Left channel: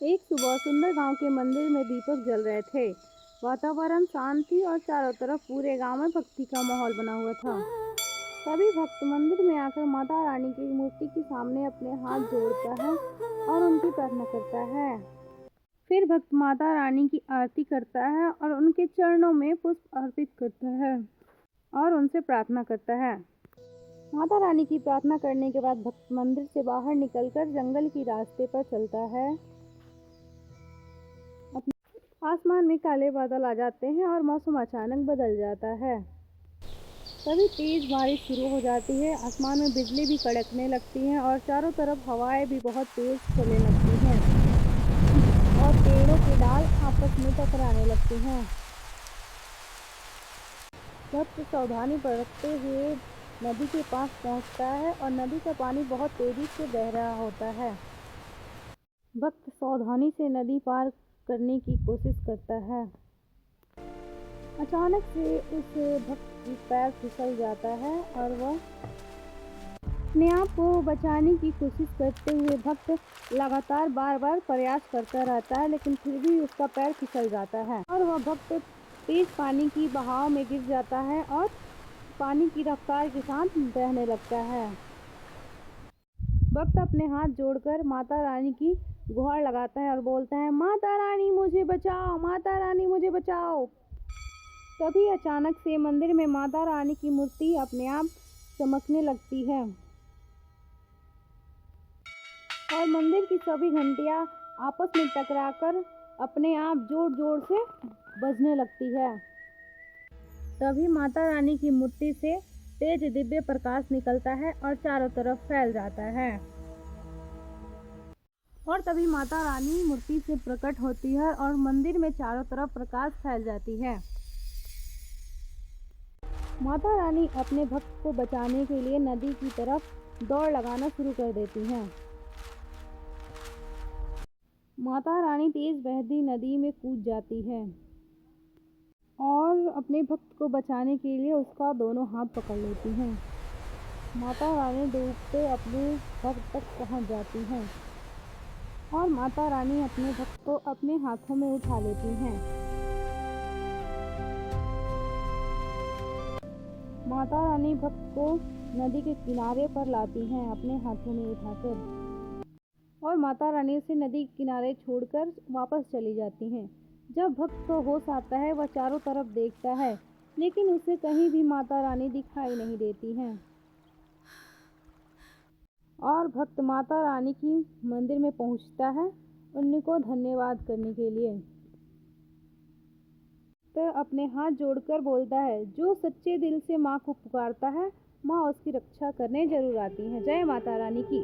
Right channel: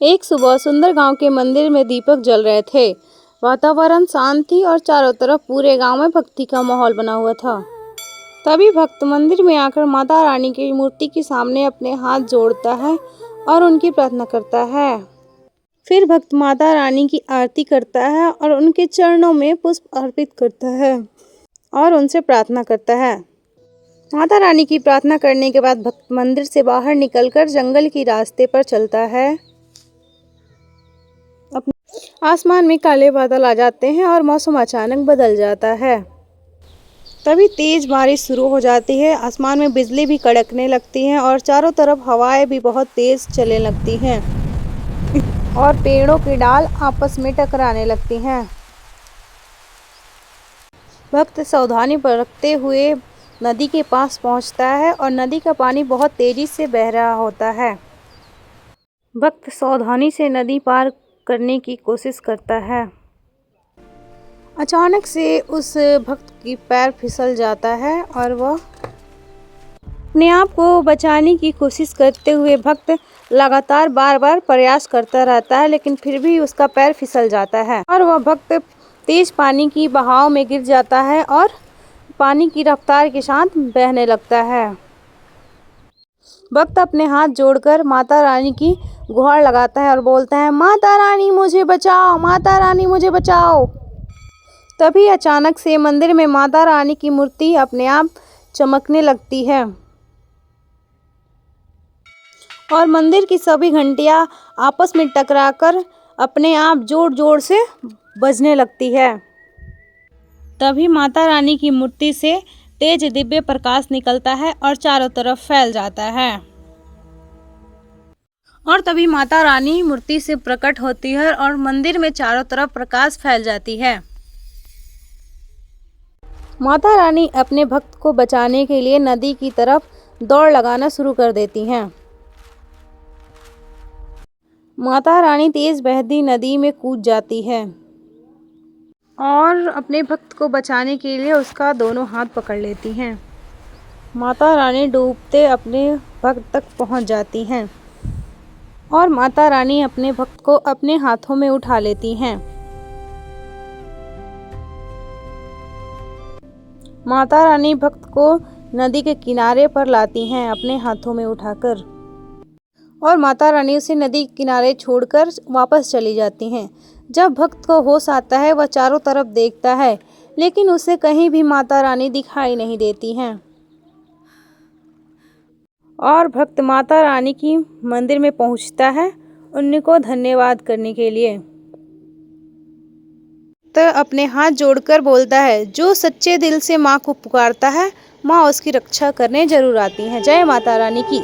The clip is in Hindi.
एक सुबह सुंदर गांव के मंदिर में दीपक जल रहे थे। वातावरण शांत थी और चारों तरफ पूरे गांव में भक्ति का माहौल बना हुआ था। तभी भक्त मंदिर में आकर माता रानी की मूर्ति के सामने अपने हाथ जोड़ता है और उनकी प्रार्थना करता है। फिर भक्त माता रानी की आरती करता है और उनके चरणों में पुष्प अर्पित करता है और उनसे प्रार्थना करता है। माता रानी की प्रार्थना करने के बाद भक्त मंदिर से बाहर निकलकर जंगल के रास्ते पर चलता है। आसमान में काले बादल आ जाते हैं और मौसम अचानक बदल जाता है। तभी तेज बारिश शुरू हो जाती है। आसमान में बिजली भी कड़कने लगती है और चारों तरफ हवाएं भी बहुत तेज चलने लगती हैं और पेड़ों के डाल आपस में टकराने लगती हैं। भक्त सावधानी बरतते हुए नदी के पास पहुंचता है और नदी का पानी बहुत तेजी से बह रहा होता है। भक्त सावधानी से नदी पार करने की कोशिश करता है। अचानक से उस भक्त की पैर फिसल जाता है और वह अपने आप को बचाने की कोशिश करते हुए भक्त लगातार बार बार प्रयास करता रहता है, लेकिन फिर भी उसका पैर फिसल जाता है और वह भक्त तेज पानी की बहाव में गिर जाता है और पानी की रफ्तार के साथ बहने लगता है। भक्त अपने हाथ जोड़कर माता रानी की गुहार लगाता है और बोलता है, माता रानी मुझे बचाओ, माता रानी मुझे बचाओ। तभी अचानक से मंदिर में माता रानी की मूर्ति अपने आप चमकने लगती है और मंदिर की सभी घंटियां आपस में टकराकर अपने आप जोर जोर से बजने लगती है। तभी माता रानी की मूर्ति से तेज दिव्य प्रकाश निकलता है और चारों तरफ फैल जाता है और तभी माता रानी मूर्ति से प्रकट होती है और मंदिर में चारों तरफ प्रकाश फैल जाती है। माता रानी अपने भक्त को बचाने के लिए नदी की तरफ दौड़ लगाना शुरू कर देती हैं। माता रानी तेज बहती नदी में कूद जाती है और अपने भक्त को बचाने के लिए उसका दोनों हाथ पकड़ लेती हैं। माता रानी डूबते अपने भक्त तक पहुंच जाती हैं और माता रानी अपने भक्त को अपने हाथों में उठा लेती हैं। माता रानी भक्त को नदी के किनारे पर लाती हैं अपने हाथों में उठाकर और माता रानी उसे नदी के किनारे छोड़कर वापस चली जाती हैं। जब भक्त को होश आता है वह चारों तरफ देखता है, लेकिन उसे कहीं भी माता रानी दिखाई नहीं देती हैं और भक्त माता रानी की मंदिर में पहुंचता है उनको धन्यवाद करने के लिए। तो अपने हाथ जोड़कर बोलता है, जो सच्चे दिल से माँ को पुकारता है माँ उसकी रक्षा करने जरूर आती हैं। जय माता रानी की।